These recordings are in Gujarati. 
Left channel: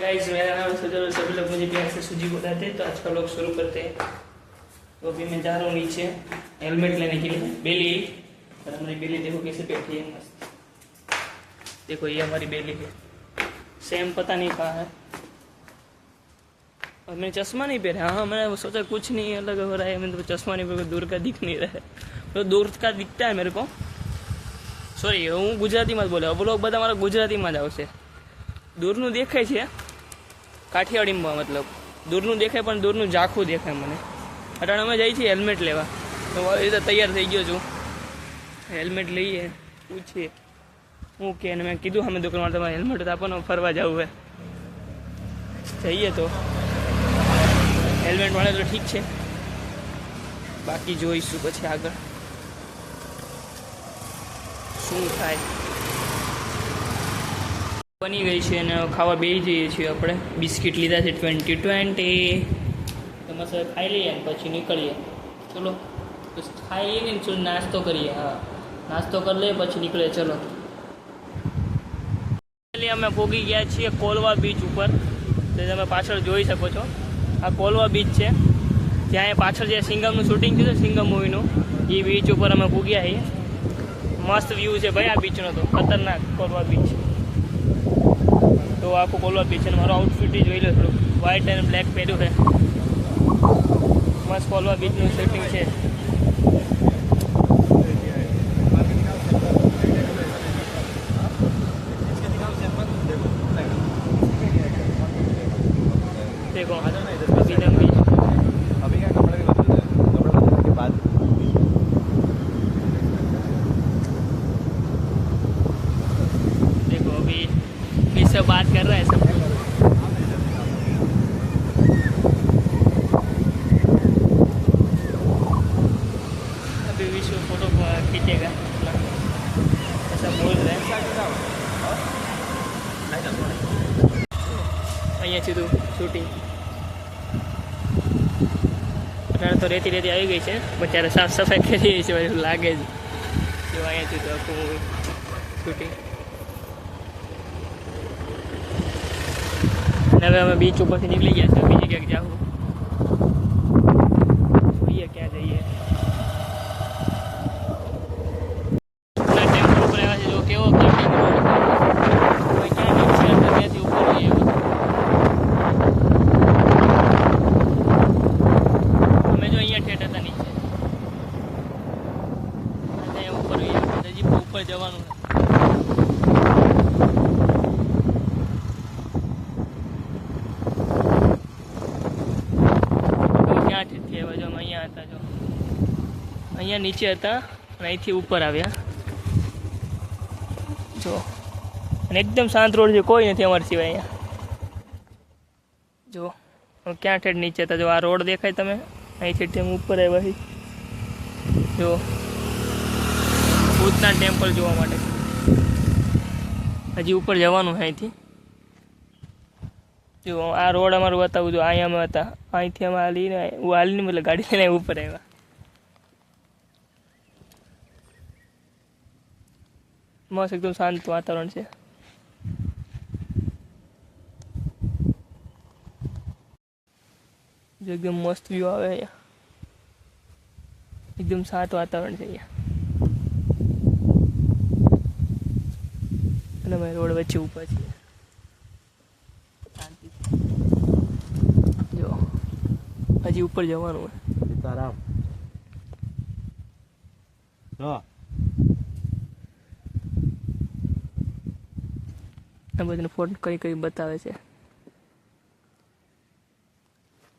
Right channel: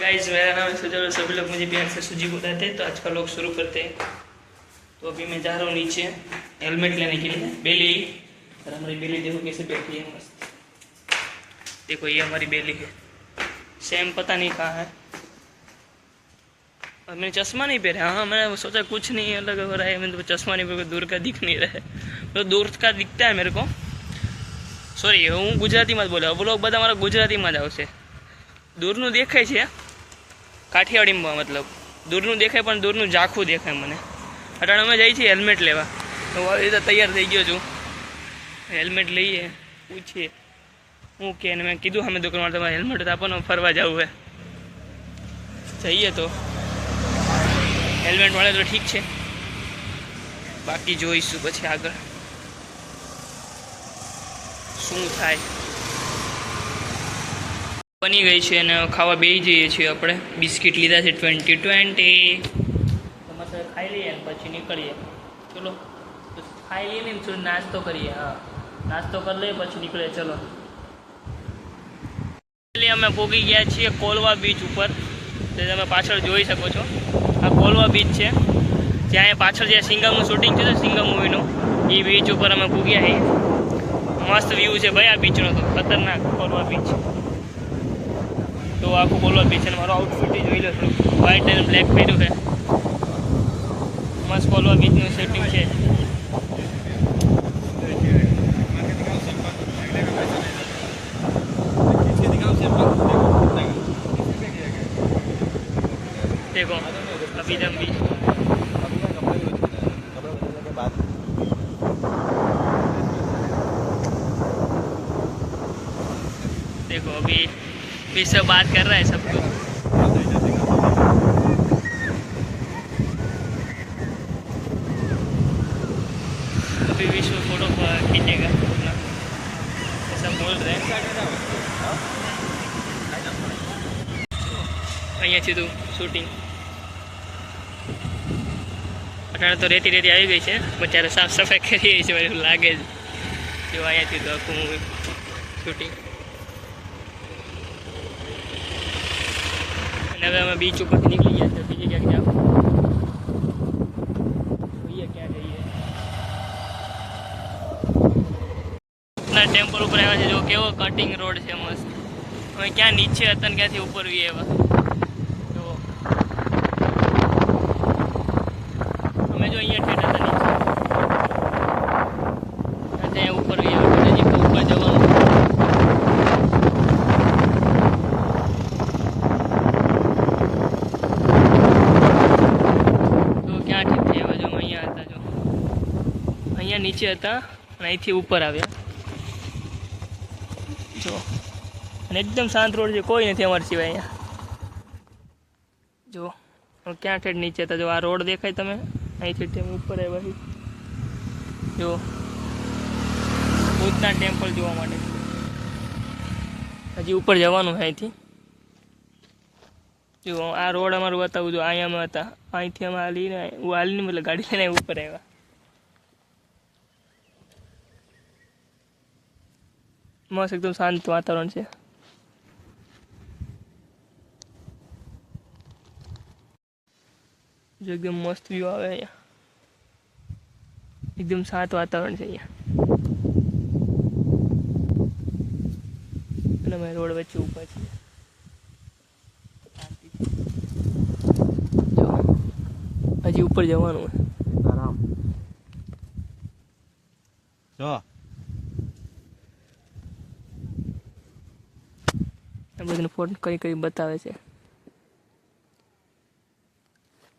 गाइस, मेरा नाम है सुजल और सभी लोग मुझे प्यार से सुजी बुलाते हैं। तो आज का लोग शुरू करते हैं। तो अभी मैं जा रहा हूँ नीचे हेलमेट लेने के लिए। बेली, और हमारी बेली देखो कैसे बैठी है मस्त। देखो ये हमारी बेली है। सेम पता नहीं कहाँ है। और मैंने चश्मा नहीं पहना। हाँ, मैंने सोचा कुछ नहीं अलग हो रहा है। मैंने तो चश्मा नहीं पहना, दूर का दिख नहीं रहा है। तो दूर का दिखता है मेरे को। सॉरी, હું ગુજરાતીમાં જ બોલ્યો। બ્લોગ બધા મારા ગુજરાતીમાં જ આવશે। દૂરનું દેખાય છે કાઠિયાવાડીમાં, मतलब દૂરનું દેખાય પણ દૂરનું ઝાખું દેખાય મને। અટાણે અમે જઈએ છીએ હેલ્મેટ લેવા। તો આવી રીતે તૈયાર થઈ ગયો છું। હેલ્મેટ લઈએ, પૂછીએ હું કે મેં કીધું અમે દુકાનમાં તમારે હેલ્મેટ તો આપણને ફરવા જવું છે। જઈએ તો હેલ્મેટ મળે તો ઠીક છે, બાકી જોઈશું પછી આગળ શું થાય। બની ગઈ છે અને ખાવા બેસી જઈએ છીએ આપણે। બિસ્કિટ લીધા છે 2020। તમારે સાથે ખાઈ લઈએ ને પછી નીકળીએ। ચલો તો ખાઈ લઈએ ને થોડું નાસ્તો કરીએ। હા, નાસ્તો કરી લઈએ પછી નીકળીએ। ચલો, એટલે અમે પહોંચી ગયા છીએ કોલવા બીચ ઉપર। તો તમે પાછળ જોઈ શકો છો, આ કોલવા બીચ છે। ત્યાં પાછળ જે સિંગમનું શૂટિંગ થયું છે, સિંગમ મૂવીનું, એ બીચ ઉપર અમે પૂગ્યા છીએ। મસ્ત વ્યૂ છે ભાઈ આ બીચનો, તો ખતરનાક કોલવા બીચ। તો આખું કોલવા બીચ છે। મારો આઉટફિટ જોઈ લો, થોડું વ્હાઇટ એન્ડ બ્લેક પહેર્યું છે। મસ્ત કોલવા બીચનું સેટિંગ છે। देखो अभी दम बीच, देखो अभी भी सब बात कर रहा है सब कुछ। अभी विश्व फोटो खींचेगा अपना, ऐसा बोल रहे हैं। અહીંયાથી તું શૂટિંગ અત્યારે તો રેતી રેતી આવી ગઈ છે, બચારા સાફ સફાઈ કરી છે એવું લાગે છે। જો અહીંયાથી તો આખું શૂટિંગ। અને હવે અમે બીચ ઉપરથી નીકળી ગયા છે, બીજી ક્યાંક જાઓ જોઈએ ક્યાં જઈએ। ના ટેમ્પલ ઉપર આવ્યા છે, જો કેવો કટિંગ રોડ છે મસ્ત। ક્યાં નીચે હતા ક્યાંથી ઉપર એવા। અમે જો અહીંયા ઠેઠ હતા નીચે, ત્યાં ઉપર ગયા ઉપર જવાનું। અહીંયા નીચે હતા અને અહીંથી ઉપર આવ્યા જો। અને એકદમ શાંત રોડ છે, કોઈ નથી અમારા સિવાય અહીંયા જો। ક્યાં ઠેઠ નીચે હતા જો, આ રોડ દેખાય તમે, અહીંથી તેમ ઉપર આવ્યા જો ભૂતના ટેમ્પલ જોવા માટે। હજી ઉપર જવાનું છે અહીંથી જો। આ રોડ અમારું બતાવું જો, અહીંયા અમે હતા, અહીંથી અમે હાલીને મતલબ ગાડી લઈને ઉપર આવ્યા। મસ્ત એકદમ શાંત વાતાવરણ છે। જો એકદમ મસ્ત વ્યૂ આવે અહીંયા, એકદમ શાંત વાતાવરણ છે અહીંયા। અને અમે રોડ વચ્ચે ઊભા છીએ શાંતિથી જો। હજી ઉપર જવાનું આરામ જો। આ બધાને ફોન કરી બતાવે છે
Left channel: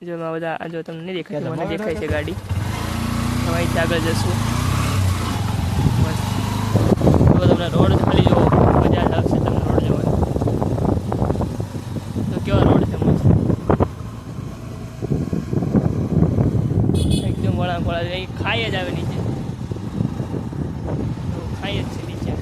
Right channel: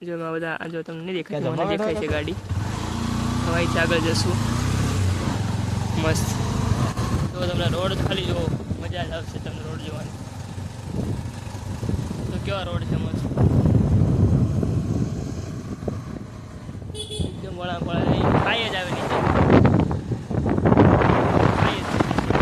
જો। એમાં બધા જો તમને નહીં દેખાય, મને દેખાય છે ગાડી। હવે અહીંથી આગળ જશું મસ્ત। તો તમને રોડ ખાલી જો મજા જ આવશે તમને રોડ જોવાની। તો કેવા રોડ છે મસ્ત, એકદમ વળાંક નહીં, ખાઈ જ આવે નીચે, ખાઈ જ છે નીચે।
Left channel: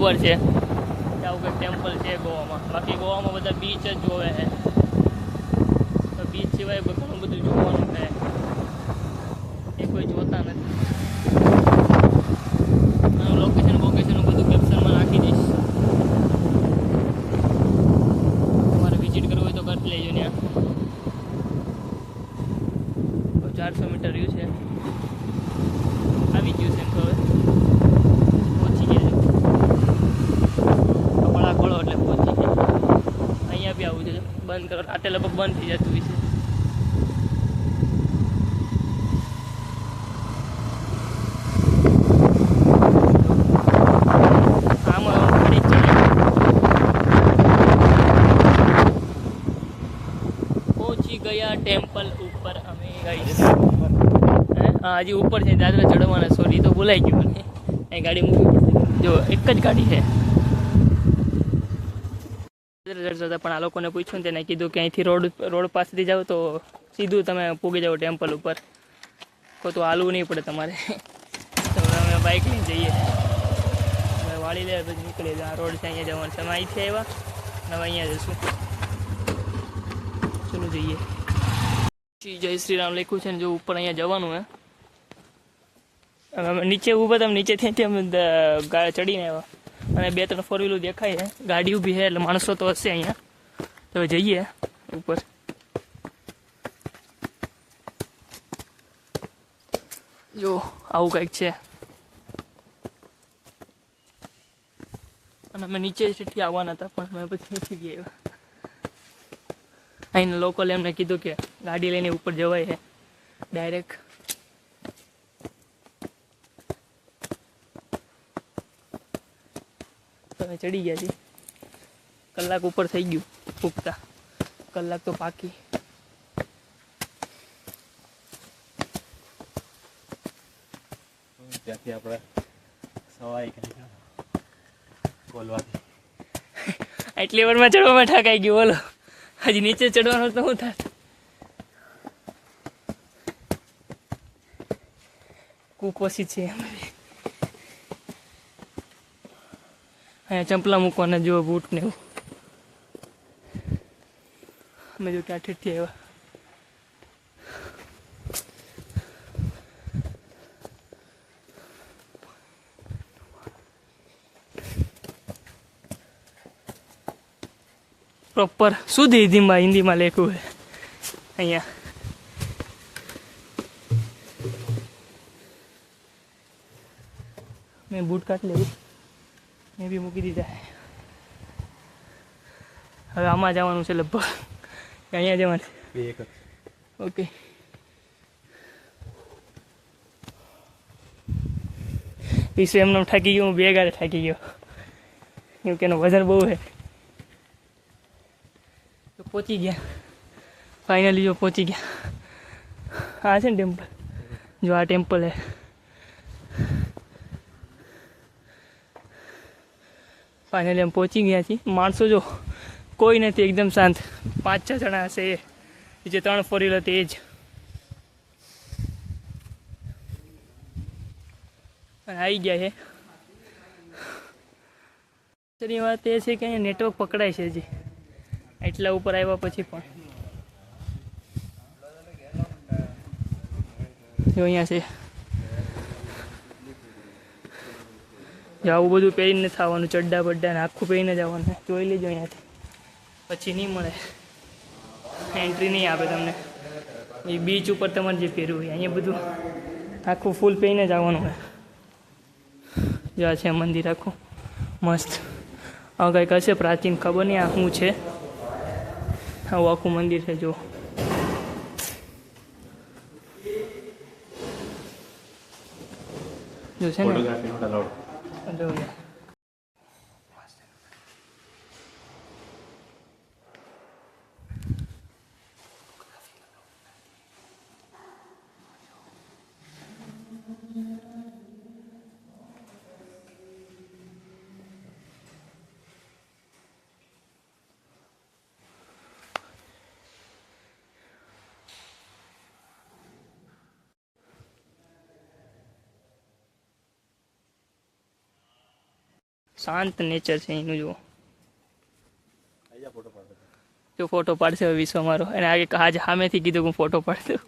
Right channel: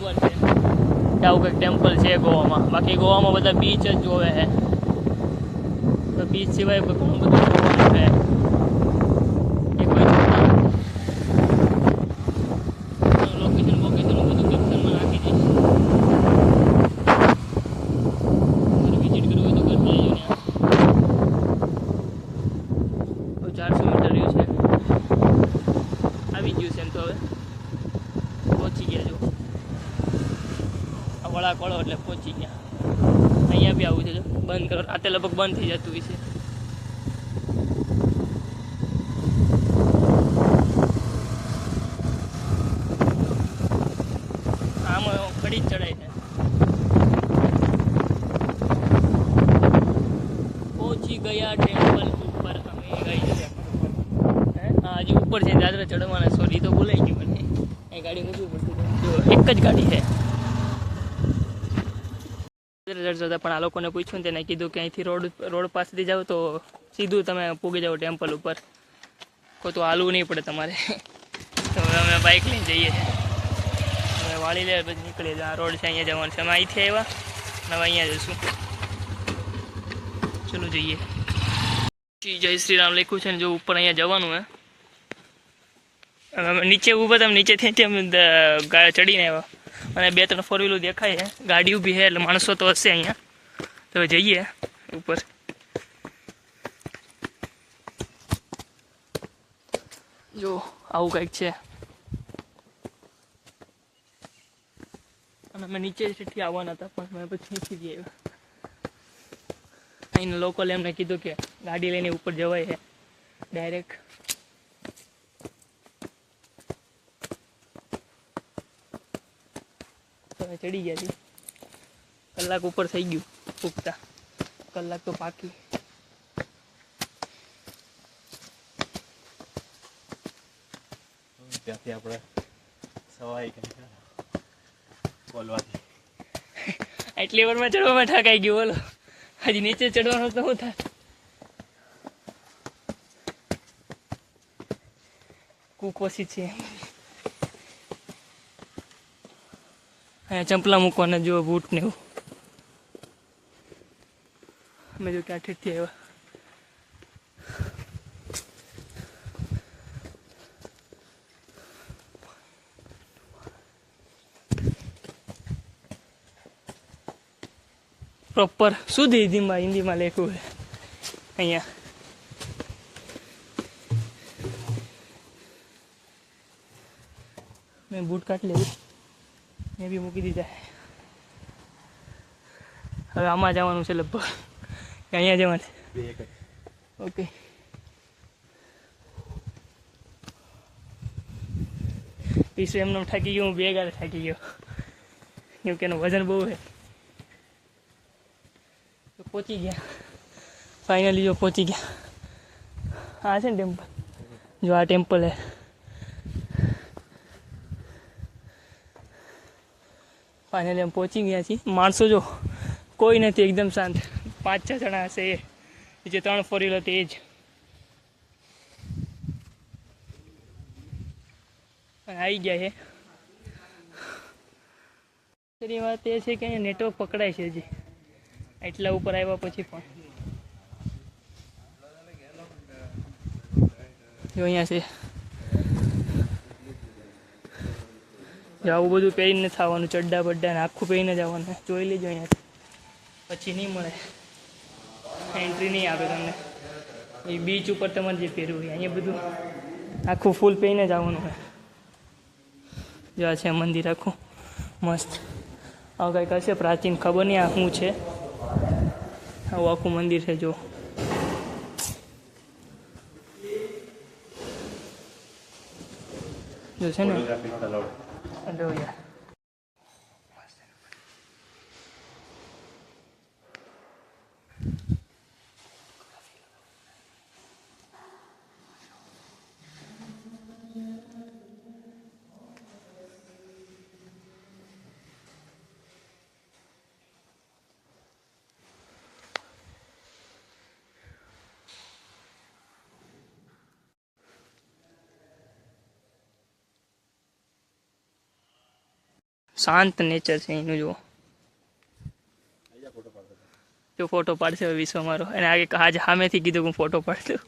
ખબર છે કે આવું કંઈક ટેમ્પલ છે ગોવામાં. બાકી ગોવામાં બધા બીચ જ જોવે છે, તો બીચ સિવાય ઘણું બધું જોવાનું છે. લોકેશન બધું કેપ્શનમાં નાખી દઈશ. તમારે વિઝિટ કરવું હોય તો કરી લેજો ને. 400 મીટર રહ્યું છે, આવી ગયું છે એમ તો હવે પહોંચી ગયા છો. વળા ખોળો એટલે પહોંચી ગયા. અહીંયા બી આવું છે, બંધ કરો રાતે લગભગ બંધ થઈ જતું હોય છે. આમાં ગાડી ચડે પહોંચી ગયા ટેમ્પલ ઉપર અમે ગાડી. હા હજી ઉપર છે, દાદરા ચડવાના. સોરી તો ભૂલાઈ ગયું મને. અહીં ગાડી મૂકી જો એક જ ગાડી છે. ચડતા પણ આ લોકોને પૂછ્યું ને તેને કીધું કે અહીંથી રોડ પાસેથી જાઓ તો સીધું તમે પૂગી જાઓ ટેમ્પલ ઉપર, તો હાલવું નહીં પડે તમારે. તો હવે અમે બાઇક લઈને જઈએ, વાળી લે પછી નીકળીએ. આ રોડ છે, અહીંયા જવાનું છે. અમે અહીંથી આવ્યા, હવે અહીંયા જઈશું. ચલો જઈએ. જય શ્રી રામ લખ્યું છે ને જો ઉપર અહીંયા જવાનું હે. અમે નીચે ઊભા હતા, નીચેથી અમે ચડીને આવ્યા અને 2-3 4 વ્હીલો દેખાય છે. ગાડી ઊભી છે એટલે માણસો તો હશે અહીંયા. તો જઈએ ઉપર. જો આવું કંઈક છે અને અમે નીચેથી આવવાના હતા પણ અમે પછી નીચે ગયા. અહીંના લોકોએ એમને કીધું કે ગાડી લઈને ઉપર જવાય છે ડાયરેક્ટ. ચડી ગયા છીએ. કલાક ઉપર થઈ ગયું પૂગતા, કલાક તો પાકી. ત્યાંથી આપણે સવાઈ બોલવાથી એટલી વારમાં ચડવામાં ઠકાઈ ગયું. બોલો હજી નીચે ચડવાનું તો શું થાય? કુપોસી છે. અહીંયા ચંપલા મૂકવાના જુઓ, બૂટ ને એવું. અમે જો ક્યાં ઠેઠથી આવ્યા. પ્રોપર શુદ્ધ હિન્દીમાં લખ્યું છે અહીંયા. મેં બૂટ કાઢી લેવું, મેં બી મૂકી દીધા. હવે આમાં જવાનું છે લગભગ, અહીંયા જવાનું. ઓકે ઈસુ એમને થાકી ગયો, હું 2 ગાડે થાકી ગયો કેમ કે એનું વજન બહુ છે. તો પહોંચી ગયા ફાઇનલી. જો પહોંચી ગયા. આ છે ને ટેમ્પલ, જો આ ટેમ્પલ છે. ફાઇનલી અમે પહોંચી ગયા છીએ. માણસો જો કોઈ નથી, એકદમ શાંત. 5-6 જણા હશે, એ જે 3 4 વ્હીલ હતી એ જ. આવી ગયા છે. આશ્ચર્યની વાત એ છે કે અહીંયા નેટવર્ક પકડાય છે હજી એટલા ઉપર આવ્યા પછી પણ. જો અહીંયા છે. જો આવું બધું પહેરીને થવાનું, ચડ્ડા બડ્ડા ને આખું પહેરીને જવાનું. જોઈ લેજો અહીંયાથી, પછી નહીં મળે, એન્ટ્રી નહીં આપે તમને. એ બીચ ઉપર તમારે જે પહેરવું હોય અહીંયા બધું આખું ફૂલ પહેરીને જવાનું હોય. જો આ છે મંદિર આખું મસ્ત. હવે કંઈક હશે પ્રાચીન, ખબર નહીં આ શું છે. આવું આખું મંદિર છે જો. જો છે ને યાર. શાંત નેચર છે એનું. જુઓ અહીંયા ફોટો પાડો. જો ફોટો પાડશે હવે વિશ્વ મારો, અને આજે સામેથી કીધું કે હું ફોટો પાડી દઉં.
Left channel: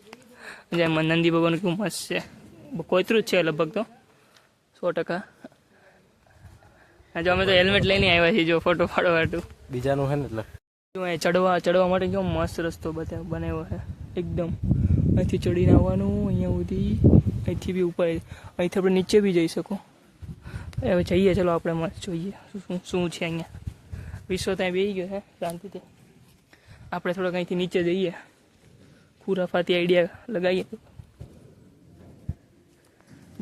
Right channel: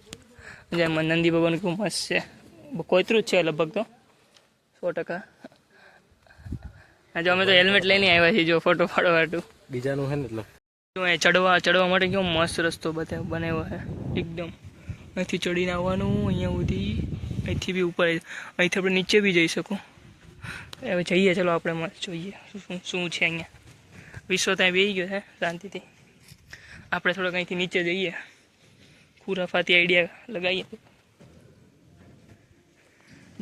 જે નંદી ભગવાન કેવું મસ્ત છે, કોતરું જ છે લગભગ તો 100%. જો અમે તો હેલ્મેટ લઈને આવ્યા છીએ જો ફોટો પાડવા હાટું. બીજાનું છે ને એટલે જો અહીંયા ચડવા માટે કેવો મસ્ત રસ્તો બનાવ્યો છે એકદમ. અહીંથી ચડીને આવવાનું અહીંયા સુધી, અહીંથી બી ઉપર, અહીંથી આપણે નીચે બી જઈ શકો. હવે જઈએ ચલો આપણે મસ્ત જોઈએ શું છે અહીંયા. વિશ્વ ત્યાં બેસી ગયો છે શાંતિથી. આપણે થોડોક અહીંથી નીચે જઈએ, ખુરાફાતી આઈડિયા લગાવીએ.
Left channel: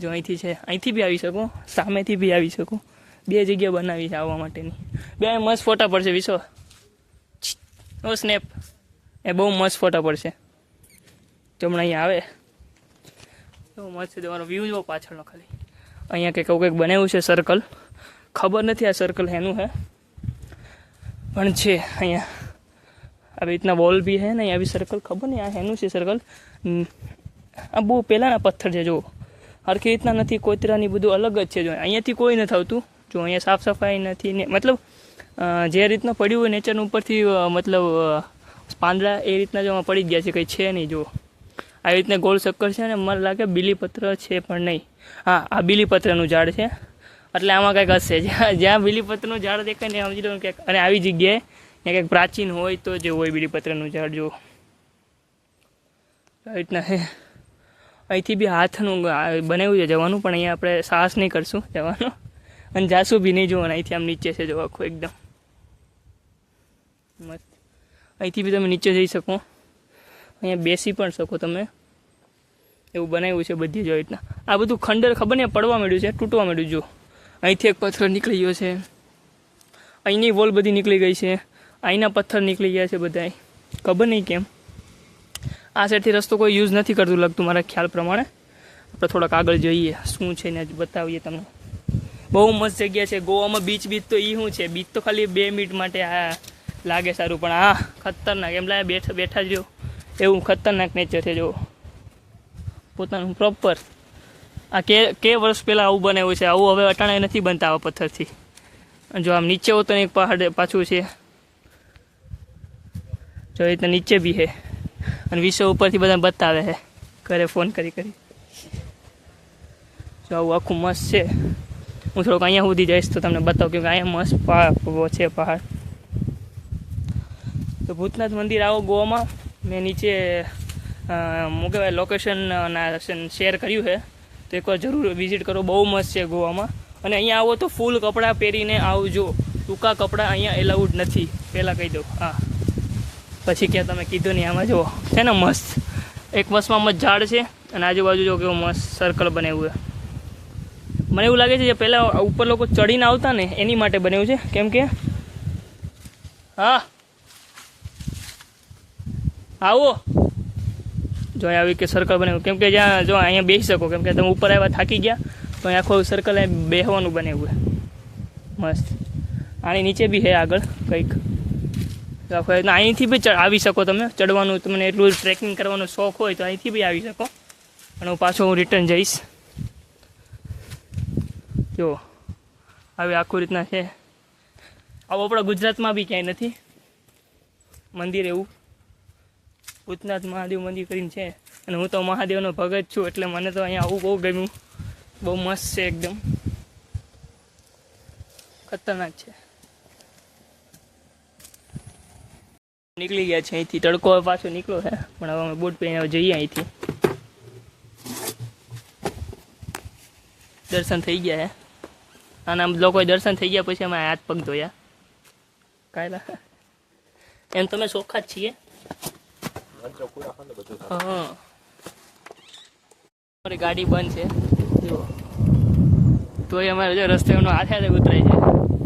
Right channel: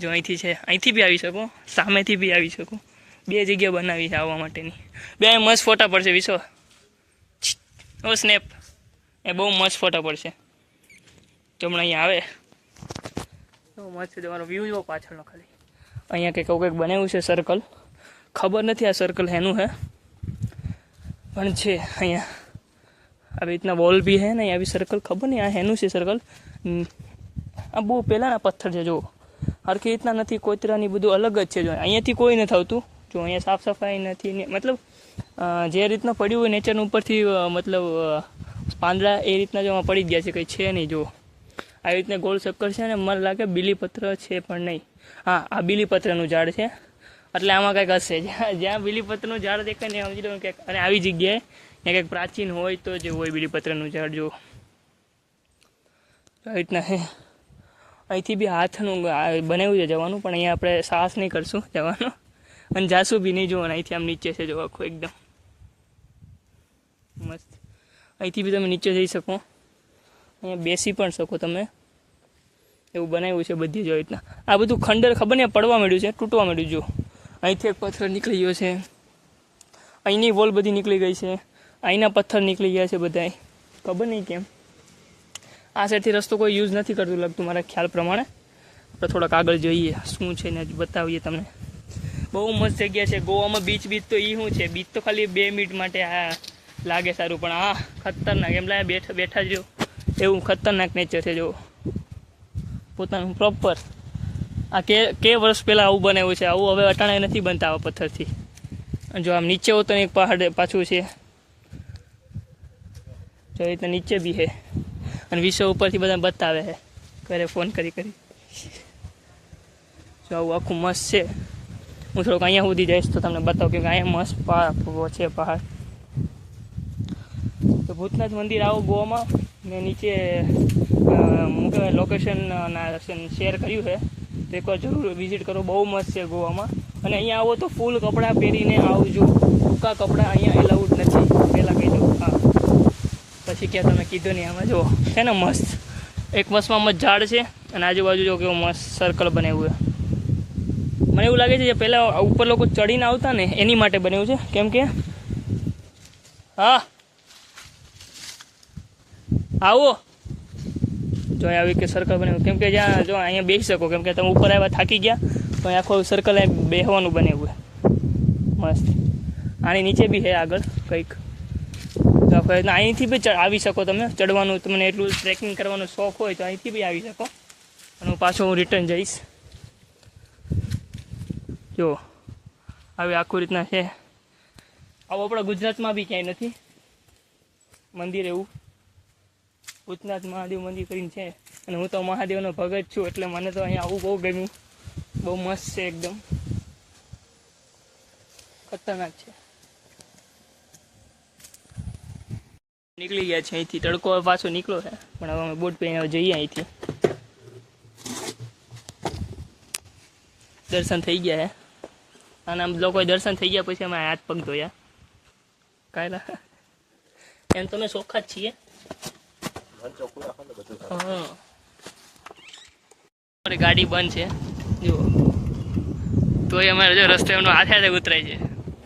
જો અહીંથી છે, અહીંથી બી આવી શકો, સામેથી બી આવી શકો. 2 જગ્યા બનાવી છે આવવા માટેની. 2 મસ્ત ફોટા પડશે વિશ્વ. ઓ સ્નેપ, એ બહુ મસ્ત ફોટા પડશે જો હમણાં અહીંયા આવે. બહુ મસ્ત છે તમારો વ્યૂ જો પાછળનો. ખાલી અહીંયા કંઈક બનાવ્યું છે સર્કલ. ખબર નથી આ સર્કલ એનું છે, પણ છે અહીંયા આવી રીતના વોલ બી છે ને આવી સર્કલ. ખબર નહીં આ એનું છે સર્કલ. આ બહુ પહેલાંના પથ્થર છે જો, હરખી રીતના નથી, કોતરાની બધું અલગ જ છે. જો અહીંયાથી કોઈ નથી આવતું. જો અહીંયા સાફ સફાઈ નથી ને, મતલબ જે રીતના પડ્યું હોય નેચરના ઉપરથી, મતલબ પાંદડા એ રીતના જો પડી ગયા છે, કંઈ છે નહીં. જો આવી રીતના ગોળ ચક્કર છે ને, મને લાગે બીલીપત્ર છે પણ નહીં. હા, આ બીલીપત્રનું ઝાડ છે એટલે આમાં કંઈક હશે. જ્યાં બીલીપત્રનું ઝાડ દેખાય ને સમજી લો કંઈક. અને આવી જગ્યાએ ત્યાં કંઈક પ્રાચીન હોય તો જે હોય બીલીપત્રનું ઝાડ. જો આવી રીતના છે. અહીંથી બી હાથનું બનાવ્યું છે જવાનું, પણ અહીંયા આપણે સાહસ નહીં કરશું જવાનો, અને જાશું બી નહીં. જોવાનું અહીંથી આમ નીચે છે જો આખું એકદમ મસ્ત. અહીંથી બી તમે નીચે જઈ શકો, અહીંયા બેસી પણ શકો તમે. એવું બનાવ્યું છે બધી જો રીતના. આ બધું ખંડર ખબર નહીં પડવા માંડ્યું છે, તૂટવા માંડ્યું. જો અહીંથી એક પથ્થર નીકળી ગયો છે, અહીંની વોલ બધી નીકળી ગઈ છે, અહીંના પથ્થર નીકળી ગયા છે બધા. ખબર નહીં કેમ. આ સાઈડથી રસ્તો કોઈ યુઝ નથી કરતું લાગતું મારા ખ્યાલ પ્રમાણે. આપણે થોડાક આગળ જઈએ શું છે ને બતાવીએ તમને. બહુ મસ્ત જગ્યા છે ગોવામાં. બીચ તો એ શું છે, બીચ તો ખાલી 2 મિનિટ માટે આ લાગે સારું, પણ આ ખતરનાક એમ લાગે બેઠા જ રહ્યો એવું ખતરનાક નેચર છે. જો પોતાનું પ્રોપર આ કે વર્ષ પહેલાં આવું બનાવ્યું છે. આવું હવે અટાણે નથી બનતા આવા પથ્થરથી. જો આમ નીચે હોતો ને એક પહાડ પાછું છે જો એ રીતના નીચે બી છે. અને વિશ્વ ઉપરથી બધા બતાવે છે, ઘરે ફોન કરી. જો આવું આખું મસ્ત છે. હું થોડોક અહીંયા સુધી જઈશ તો તમને બતાવું, કેમ કે અહીંયા મસ્ત છે પહાડ. તો ભૂતનાથ મંદિર આવો ગોવામાં. મેં નીચે શું કહેવાય લોકેશન શેર કર્યું છે, તો એકવાર જરૂર વિઝિટ કરો. બહુ મસ્ત છે ગોવામાં. અને અહીંયા આવો તો ફૂલ કપડાં પહેરીને આવજો. ટૂંકા કપડાં અહીંયા એલાઉડ નથી, પહેલાં કહી દઉં. હા, પછી ક્યાં તમે કીધું નહીં. આમાં જુઓ છે ને મસ્ત, એક મસ્તમાં મસ્ત ઝાડ છે, અને આજુબાજુ જો કેવું મસ્ત સર્કલ બનાવ્યું છે. મને એવું લાગે છે જે પહેલાં ઉપર લોકો ચડીને આવતા ને એની માટે બનાવ્યું છે, કેમ કે હા આવો જો આવી કે સર્કલ બનાવ્યું, કેમ કે જ્યાં જો અહીંયા બેસી શકો, કેમ કે તમે ઉપર આવ્યા થાકી ગયા તો અહીંયા આખું સર્કલ બેસવાનું બનાવ્યું છે મસ્ત. આની નીચે બી છે આગળ કંઈક. અહીંથી બી આવી શકો તમે ચડવાનું. તમને એટલું ટ્રેકિંગ કરવાનો શોખ હોય તો અહીંથી બી આવી શકો. અને હું પાછો રિટર્ન જઈશ. જો આવી આખું રીતના છે. આવું આપણા ગુજરાતમાં બી ક્યાંય નથી મંદિર એવું. ભૂતનાથ મહાદેવ મંદિર કરીને છે. અને હું તો મહાદેવનો ભગત છું એટલે મને તો અહીંયા આવું બહુ ગમ્યું. બહુ મસ્ત છે એકદમ ખતરનાક છે. નીકળી ગયા છે અહીંથી. તડકો પાછો નીકળો છે, પણ હવે અમે બોટ પહેરીને જઈએ અહીંથી. દર્શન થઈ ગયા છે, અને આમ લોકોએ દર્શન થઈ ગયા પછી અમે હાથ પગ ધોયા. કાયલા એમ તમે ચોખ્ખા જ છીએ. હા, અમારી ગાડી બંધ છે જુઓ, તોય અમારે જો રસ્તે એમનો હાથે હાથે ઉતરાય છે.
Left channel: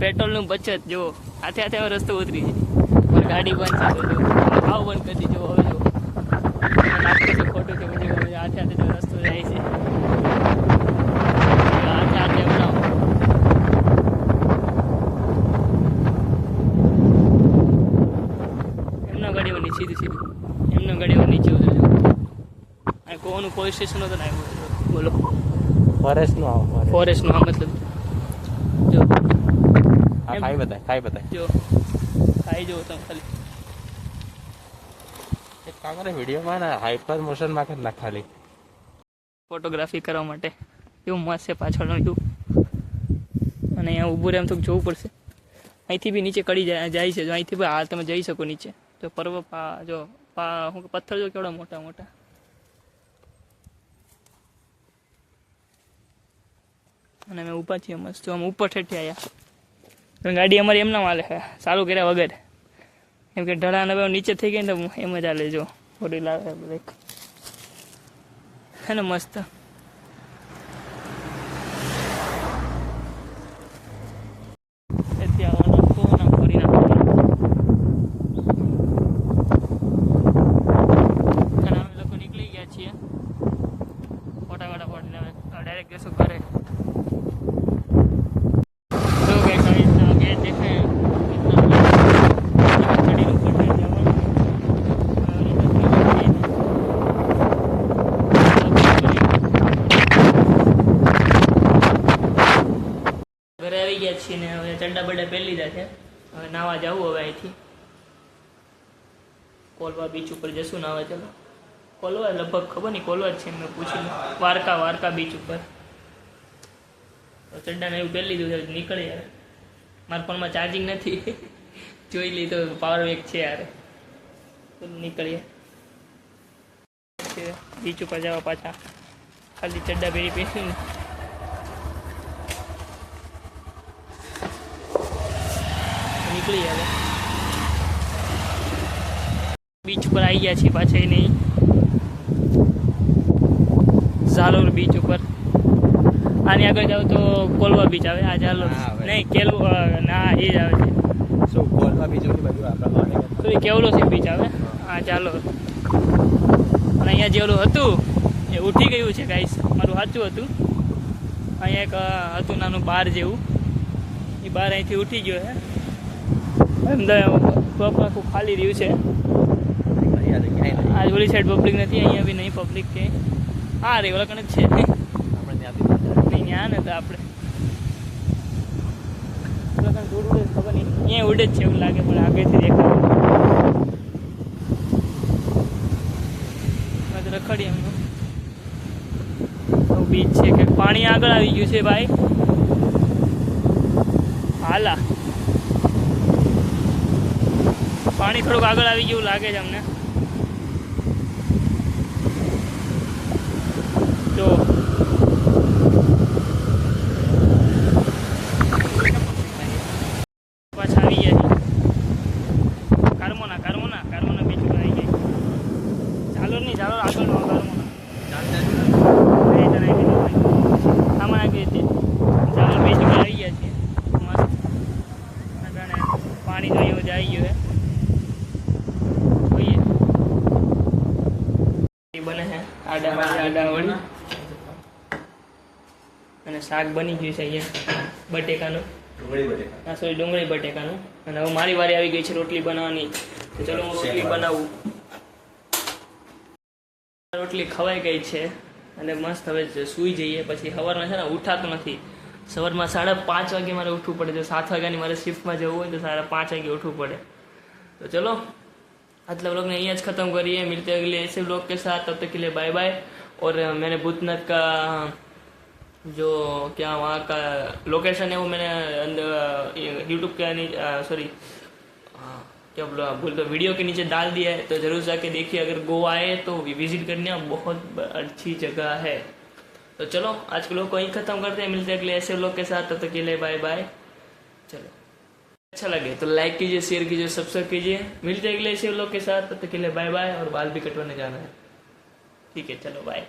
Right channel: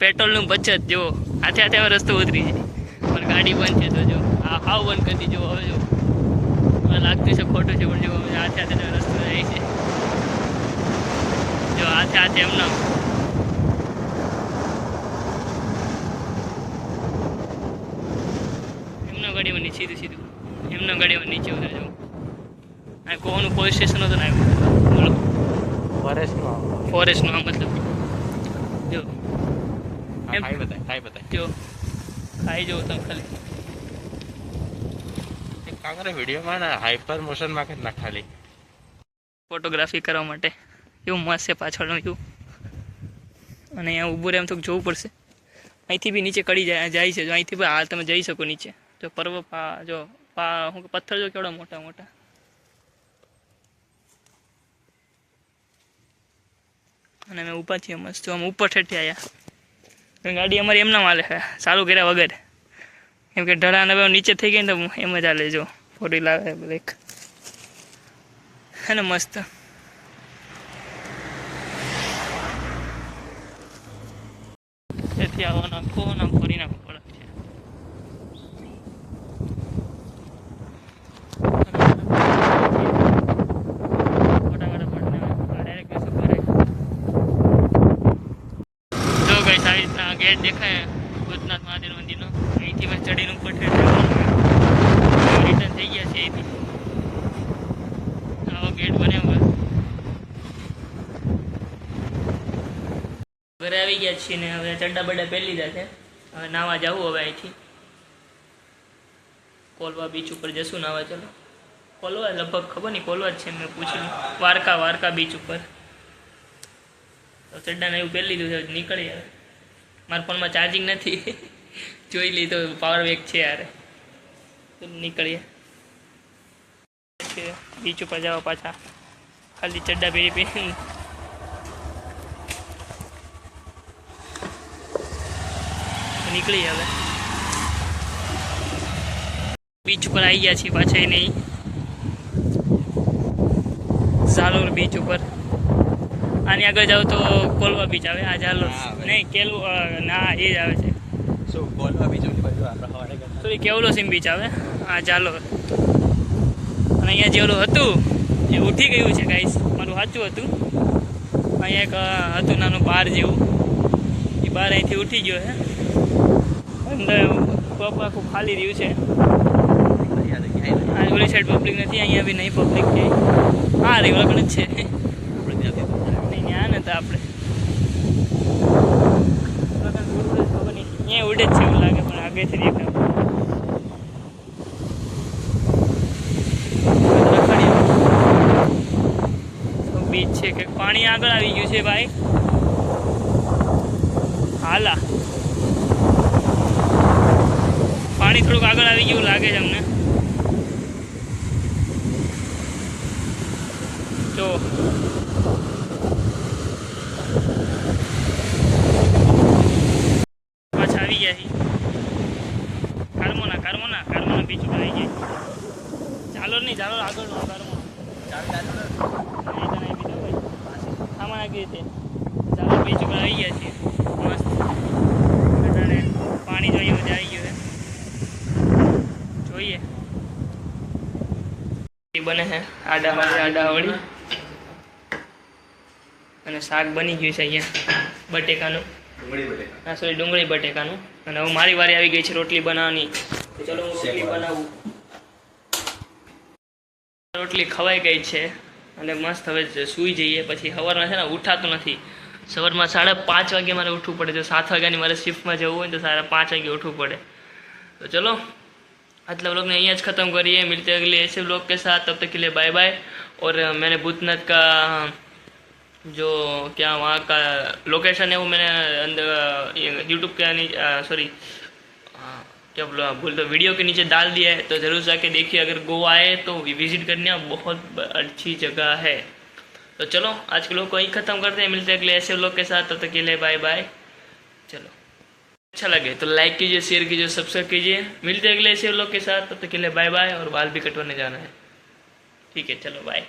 પેટ્રોલનું બચત જુઓ, હાથે હાથે હવે રસ્તો ઉતરી છે. પણ ગાડી બંધ છે. જો આવ બંધ કરી દીધો. હવે જો લાગતું છે ખોટું છે, પણ જો હાથે હાથે રસ્તો જાય છે. જો હાથે હાથે એમનો ગાડીઓ સીધું એમનો ગાડીઓ નીચે ઉતરે. જો આ કોનું પોલીસ સ્ટેશન હતું ને બોલો, ફોરેસ્ટનું આ મતલબ. જો ખાઈ બતાય જો ખાઈ જવું તમે ખાલી એક કામ કરે વિડીયોમાં ને હાઈપર મોશનમાં કરી નાખ ખાલી ફોટોગ્રાફી કરવા માટે એવું મસ્ત છે પાછળનું વ્યૂ. અને અહીંયા ઊભું રહે એમ તો જોવું પડશે. અહીંથી બી નીચે કડી જાય છે. જો અહીંથી બી હાલ તમે જઈ શકો નીચે. જો શું પથ્થર જો કેવડા મોટા મોટા. અને અમે ઊભા છીએ મસ્ત. જો અમે ઉપર ઠેઠી આવ્યા. ગાડી અમારી એમના માલે છે સારું કર્યા વગર. કેમ કે ઢળાન હવે નીચે થઈ ગઈ ને તો એમ જ હાલે. જો ફોટો લાવે બ્રેક હે ને મસ્ત. એથી આવવાનો ફોન આમ ફરી નાખો મોટા મોટા ફોન ડાયરેક્ટ જશો ઘરે. જો ગઈ આવી રીતના ગેટ દેખાય ચડીને ઉપર રિટર્ન થઈ ગયા છે એથી. ઘરે આવી ગયા છીએ ને હવે ચડ્ડા બડા પહેરી લીધા છે. હવે નાવા જવું હવે અહીંથી કોલવા બીચ ઉપર જશું નાવા. ચલો કોલવા લગભગ ખબર નહીં કોલવા જ છે મેં પૂછ્યું. વારકા બીચ ઉપર તો ચડ્ડાને એવું પહેરી લીધું છે. નીકળી યાર મારા ફોનમાં ચાર્જિંગ નથી જોઈ લીધો પાવર બેક છે યાર. નીકળીએ બીચ ઉપર જવા પાછા ખાલી ચડ્ડા પહેરી નીકળીએ હવે બીચ ઉપર આવી ગયા છીએ પાછા. એ નહીં ઝાલોર બીચ ઉપર. આની આગળ જાવ તો કોલવા બીચ આવે. આ ઝાલોર નહીં ના એ જ આવે છે. તો એ કેવલો સિમ બીચ આવે. હા ચાલો. અને અહીંયા જે ઓલું હતું એ ઉઠી ગયું છે ગાઈસ. મારું સાચું હતું. અહીંયા એક હતું નાનું બાર જેવું. એ બાર અહીંથી ઉઠી ગયો છે. અંદર ટોપ આખું ખાલી રહ્યું છે. આ ઓલી સાઈડ પબ્લિક નથી. અહીંયા બી નહીં પબ્લિક ક્યાંય. હા રે ઓળખ જ છે નહીં ત્યાં ને તો આપણે દૂર ઉડે ખબર નહીં. અહીંયા ઉડે જ છે એવું લાગે પણ આગળથી દેખાય. રખડીએ બીચ છે કે પાણી આગળ આવી ગયું છે ભાઈ. હાલા પાણી થોડુંક આગળ આવી ગયું લાગે છે અમને. જો પાછા આવી ગયા છે કારમોના બીચ ઉપર આવી ગયા. ચાલો નહીં ચાલો આગળ કારમોના આમાં આવી ગઈ. ચાલો બીચ ઉપર આવી ગયા છીએ મસ્ત. પાણી જોઈએ મજા આવી ગયું છે. જોઈએ બને છે આડાવાળી અને શાક બની ગયું છે અહીંયા બટેકાનું. હા સોરી ડુંગળી બટેકાનું. અને હવે મારી વારી આવી ગઈ છે રોટલી બનાવવાની. તો ચલો હું રોટલી બનાવું. રોટલી ખવાઈ ગઈ છે અને મસ્ત હવે સૂઈ જઈએ. પછી સવારમાં છે ને ઉઠાતું નથી. સવારમાં 5:30 વાગે મારે ઉઠવું પડે. જો 7 વાગ્યાની મારે શિફ્ટમાં જવું હોય તો 5:30 વાગે ઉઠવું પડે. तो चलो आज व्लॉग ने यहाँ ख़त्म करिए। मिलते हैं अगले ऐसे व्लॉग के साथ। तब तक के लिए बाय बाय। और मैंने भूतनाथ का जो क्या वहाँ का लोकेशन है वो मैंने अंदर यूट्यूब के सॉरी क्या बोला भूल तो वीडियो के नीचे डाल दिया है। तो ज़रूर जाके देखिए। अगर गोवा आए तो विज़िट करने बहुत अच्छी जगह है। तो चलो आज के व्लॉग को यहीं ख़त्म करते हैं। मिलते हैं अगले ऐसे व्लॉग के साथ। तब तक के लिए बाय बाय। चलो अच्छा लगे तो लाइक कीजिए, शेयर कीजिए, सब्सक्राइब कीजिए। मिलते हैं अगले ऐसे व्लॉग के साथ। तब तक के लिए बाय बाय। और बाल भी कटवाने जाना है। ठीक है चलो बाय।